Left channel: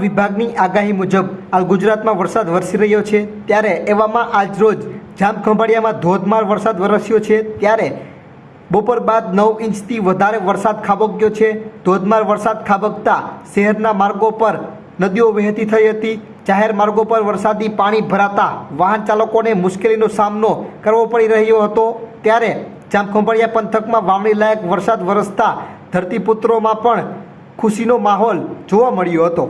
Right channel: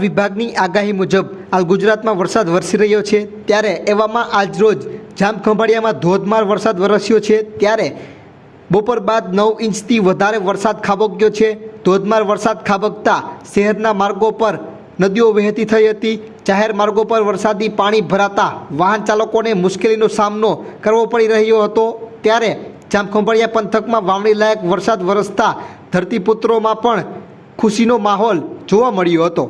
હવામાન વિભાગની આગાહી મુજબ હાલ ગુજરાતમાં વરસાદ વરસી રહ્યો છે। ત્યારે એવામાં આજરોજ જામખંભાળિયામાં ધોધમાર વરસાદ વરસ્યો છે। ત્યારે બપોર બાદ 9 ઇંચથી વધારે વરસાદ ખાબક્યો છે। ધોધમાર વરસાદ ખાબકતા શહેરના માર્ગો પર નદીઓ વહેતી થઈ હતી। જાહેર માર્ગો પર વરસાદી પાણી ભરાતા વાહન ચાલકોને મુશ્કેલીનો સામનો કરવો પડી રહ્યો હતો। ત્યારે જામખંભાળિયા પંથકમાં વાવણી લાયક વરસાદ વરસતા ધરતીપુત્રોમાં પણ ખુશીનો માહોલ જોવા મળ્યો હતો।